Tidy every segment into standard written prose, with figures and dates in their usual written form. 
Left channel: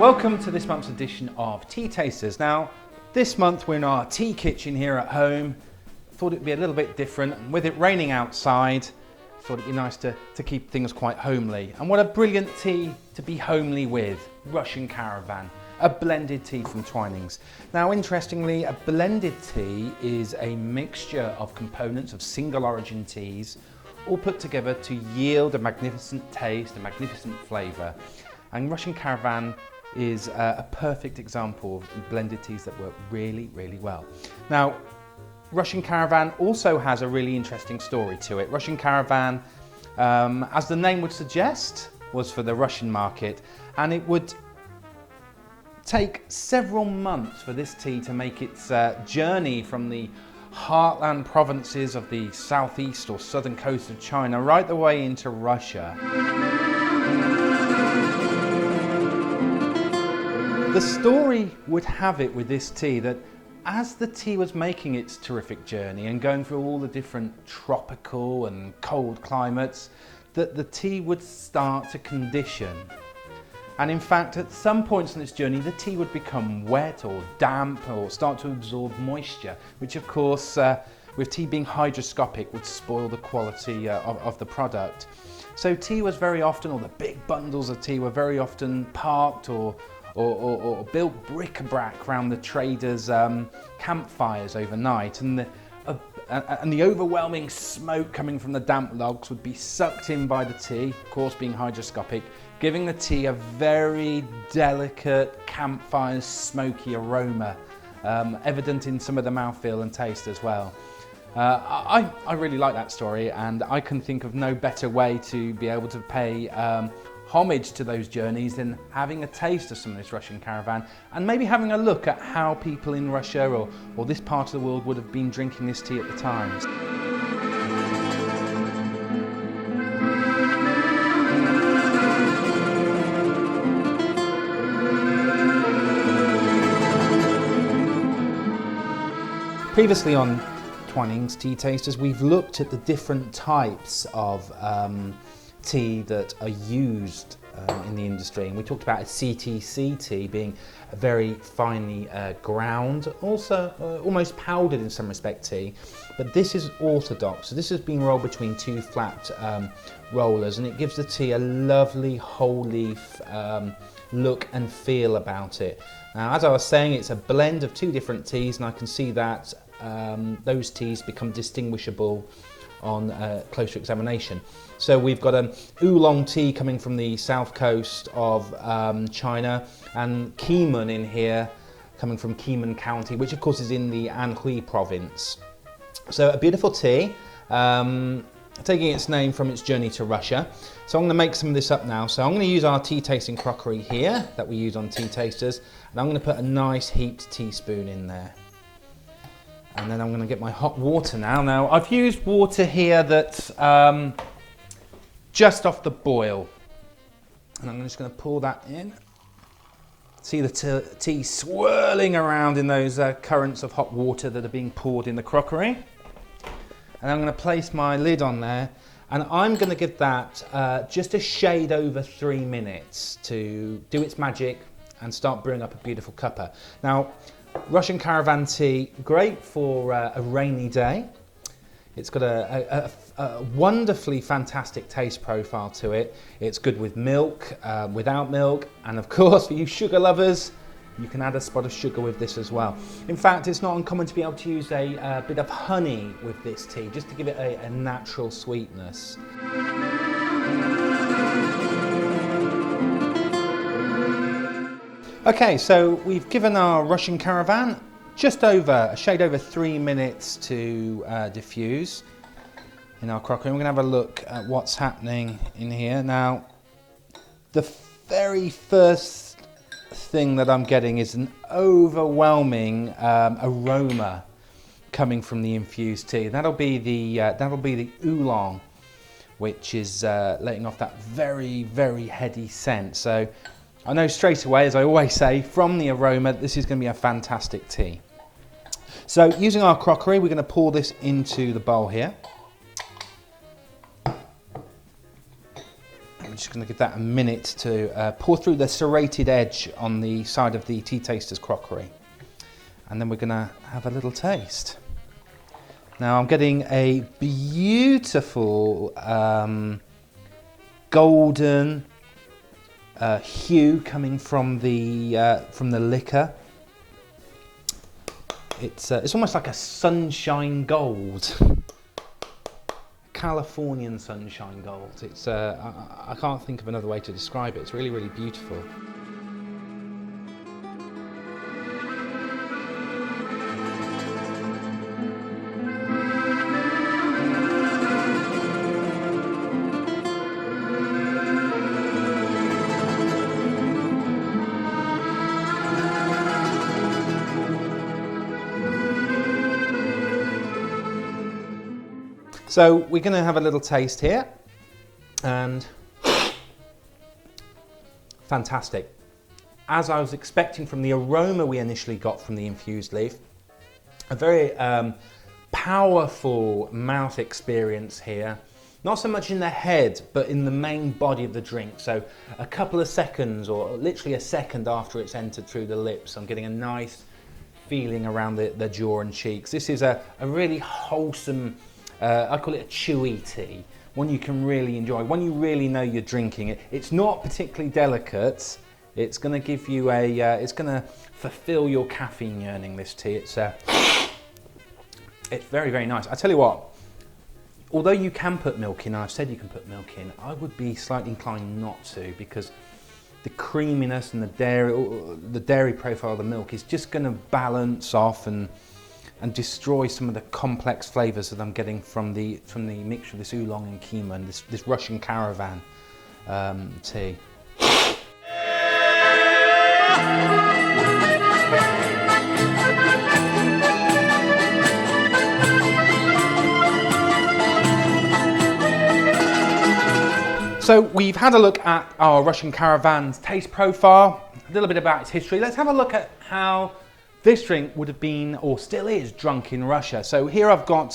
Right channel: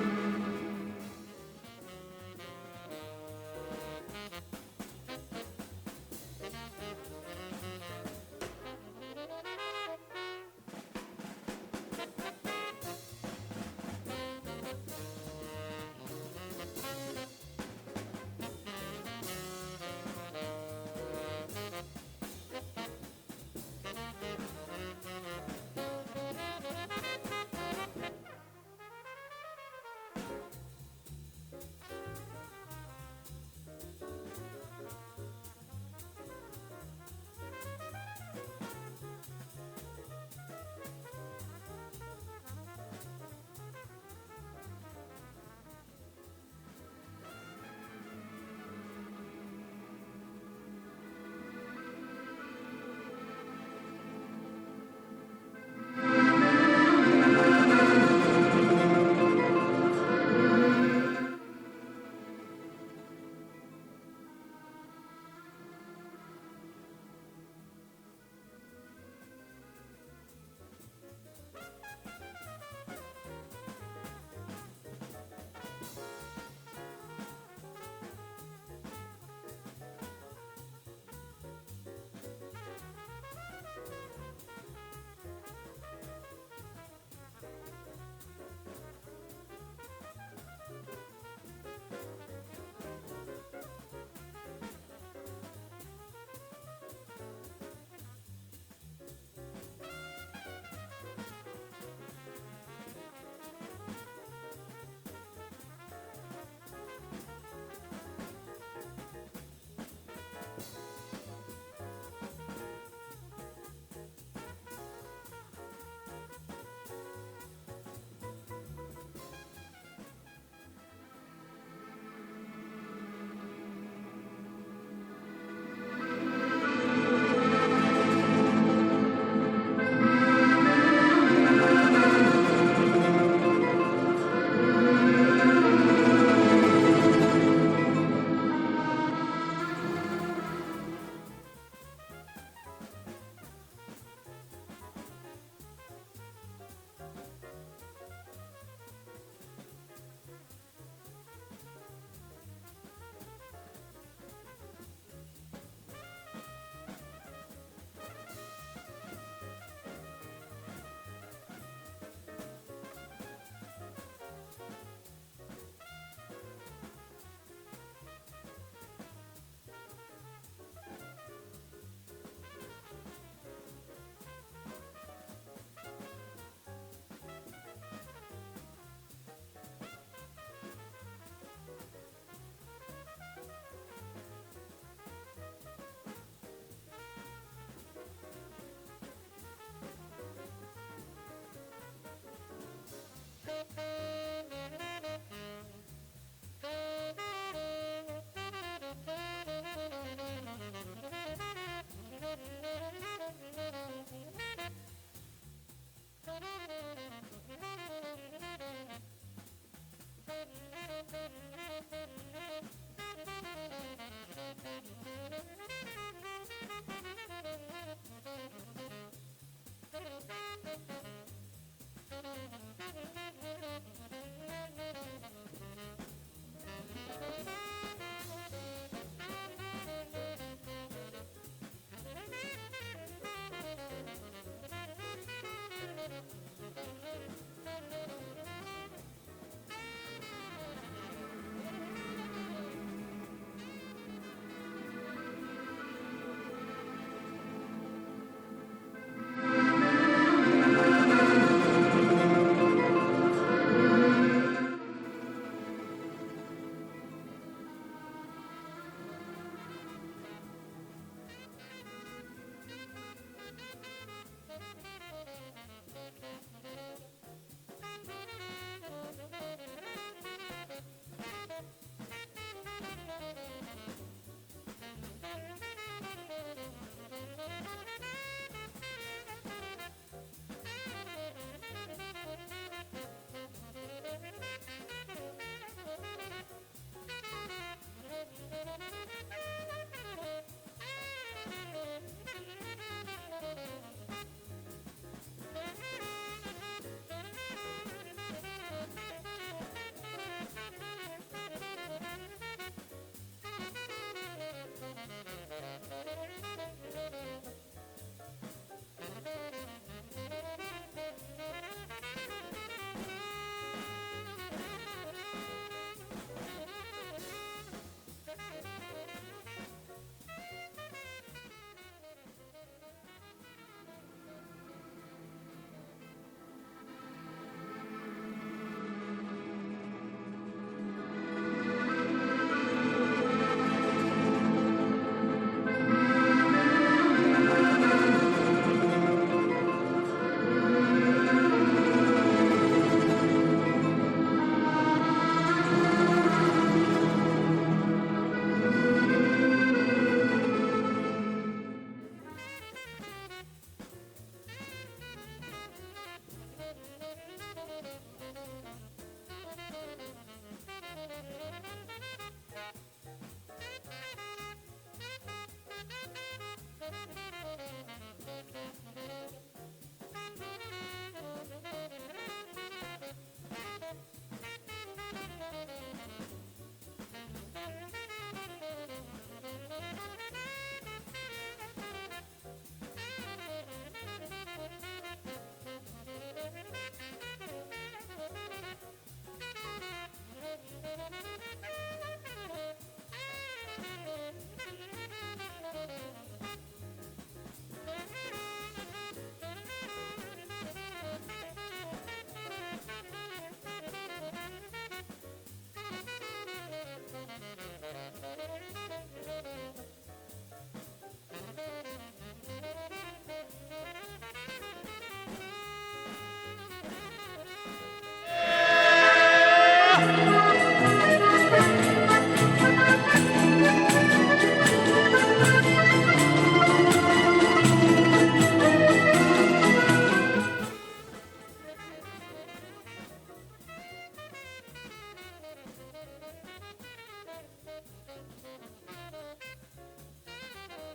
Welcome to this month's edition of Tea Tasters. Now, this month we're in our tea kitchen here at home. Thought it'd be a little bit different. With it raining outside, thought it'd be nice to keep things quite homely. And what a brilliant tea to be homely with, Russian Caravan, a blended tea from Twinings. Now, interestingly, a blended tea is a mixture of components of single origin teas, all put together to yield a magnificent taste, a magnificent flavour. And Russian Caravan is a perfect example of blended teas that work really, really well. Now, Russian Caravan also has a really interesting story to it. Russian Caravan, as the name would suggest, was for the Russian market, and it would take several months for this tea to make its journey from the heartland provinces of the southeast or southern coast of China right the way into Russia. The story would have it with this tea that as the tea was making its terrific journey and going through all the different tropical and cold climates, that the tea would start to condition. And in fact, at some points in its journey, the tea would become wet or damp or start to absorb moisture, which of course, with tea being hygroscopic, would spoil the quality of the product. So tea was very often, or the big bundles of tea were very often parked or built bric-a-brac around the traders' campfires overnight, and the overwhelming smoke coming from the damp logs would be sucked in by the tea, of course being hygroscopic, giving the tea a very delicate campfire smoky aroma, evident in some of the mouthfeel and taste as well. I really like that story, and I can think of no better way to be able to pay homage to those journeys than having a taste of some of this Russian Caravan and maybe having a look at how people in Russia or this part of the world would have been drinking this tea at the time. Previously on Twinings Tea Tasters, we've looked at the different types of tea that are used in the industry, and we talked about a CTC tea being a very finely ground, also almost powdered in some respect tea, but this is orthodox. So this has been rolled between two flat rollers, and it gives the tea a lovely whole leaf look and feel about it. Now, as I was saying, it's a blend of two different teas, and I can see that those teas become distinguishable on closer examination. So we've got an oolong tea coming from the south coast of China, and Keemun in here coming from Keemun County, which of course is in the Anhui province. So a beautiful tea, taking its name from its journey to Russia. So I'm going to make some of this up now. So I'm going to use our tea tasting crockery here that we use on Tea Tasters, and I'm going to put a nice heaped teaspoon in there. And then I'm going to get my hot water now. Now, I've used water here that's just off the boil. And I'm just going to pour that in. See the tea swirling around in those currents of hot water that are being poured in the crockery. And I'm going to place my lid on there. And I'm going to give that just a shade over 3 minutes to do its magic and start brewing up a beautiful cuppa. Now, Russian Caravan tea, great for a rainy day. It's got a wonderfully fantastic taste profile to it. It's good with milk, without milk, and of course for you sugar lovers, you can add a spot of sugar with this as well. In fact, it's not uncommon to be able to use a bit of honey with this tea, just to give it a natural sweetness. Okay, so we've given our Russian Caravan just a shade over 3 minutes to diffuse in our crockery. We're going to have a look at what's happening in here. Now, the very first thing that I'm getting is an overwhelming aroma coming from the infused tea. That'll be the oolong, which is letting off that very, very heady scent. So I know straight away, as I always say, from the aroma, this is going to be a fantastic tea. So using our crockery, we're going to pour this into the bowl here. just going to give that a minute to pour through the serrated edge on the side of the Tea Tasters crockery. And then we're going to have a little taste. Now I'm getting a beautiful golden hue coming from the liquor. It's almost like a sunshine gold. Californian sunshine gold. It's I can't think of another way to describe it. It's really, really beautiful. So we're going to have a little taste here, and fantastic. As I was expecting from the aroma we initially got from the infused leaf, a very powerful mouth experience here. Not so much in the head, but in the main body of the drink. So a couple of seconds, or literally a second after it's entered through the lips, I'm getting a nice feeling around the jaw and cheeks. This is a really wholesome, I call it a chewy tea, one you can really enjoy, one you really know you're drinking it. It's not particularly delicate. It's going to give you it's going to fulfill your caffeine yearning, this tea. It's very, very nice. I tell you what, although you can put milk in, I've said you can put milk in, I would be slightly inclined not to, because the creaminess and the dairy profile of the milk is just going to balance off and destroy some of the complex flavours that I'm getting from the mixture of this oolong and keema and this Russian Caravan tea. So we've had a look at our Russian Caravan's taste profile, a little bit about its history. Let's have a look at how this drink would have been, or still is, drunk in Russia. So here I've got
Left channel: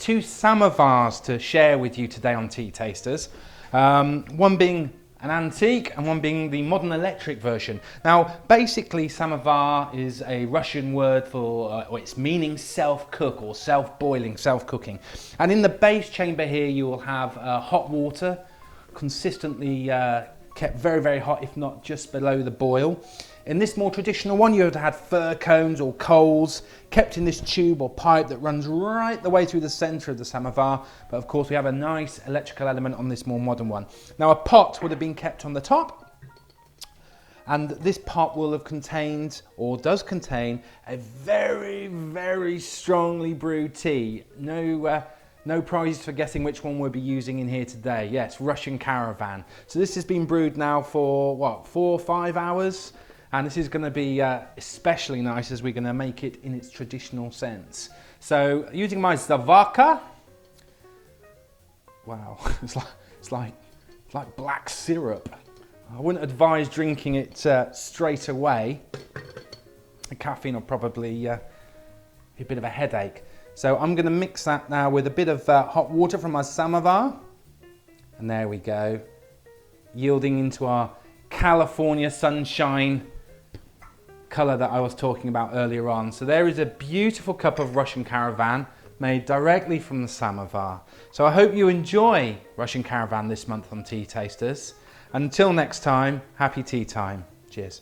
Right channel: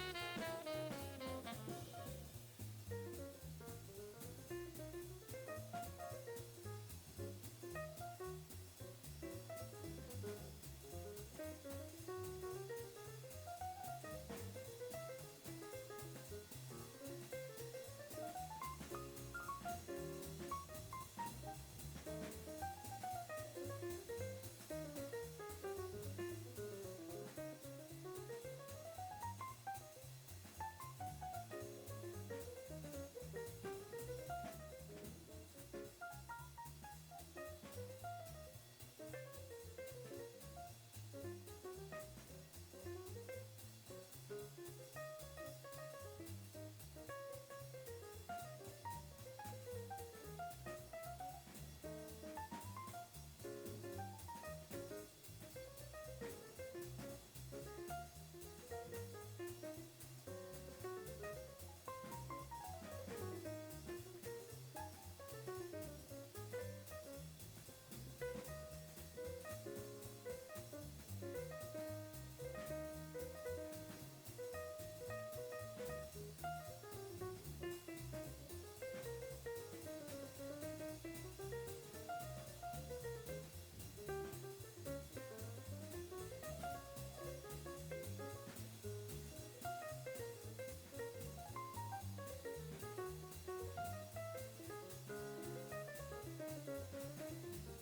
two samovars to share with you today on Tea Tasters. One being an antique and one being the modern electric version. Now, basically, samovar is a Russian word for, or it's meaning self-cook or self-boiling, self-cooking. And in the base chamber here, you will have hot water, consistently kept very, very hot, if not just below the boil. In this more traditional one, you would have had fir cones or coals kept in this tube or pipe that runs right the way through the centre of the samovar. But of course, we have a nice electrical element on this more modern one. Now, a pot would have been kept on the top, and this pot will have contained, or does contain, a very, very strongly brewed tea. No prizes for guessing which one we'll be using in here today. Yes, Russian Caravan. So this has been brewed now for, what, 4 or 5 hours? And this is going to be especially nice as we're going to make it in its traditional sense. So using my Zavaka, wow, it's like black syrup. I wouldn't advise drinking it straight away. The caffeine will probably be a bit of a headache. So I'm going to mix that now with a bit of hot water from our samovar. And there we go, yielding into our California sunshine colour that I was talking about earlier on. So there is a beautiful cup of Russian Caravan made directly from the samovar. So I hope you enjoy Russian Caravan this month on Tea Tasters. Until next time, happy tea time. Cheers.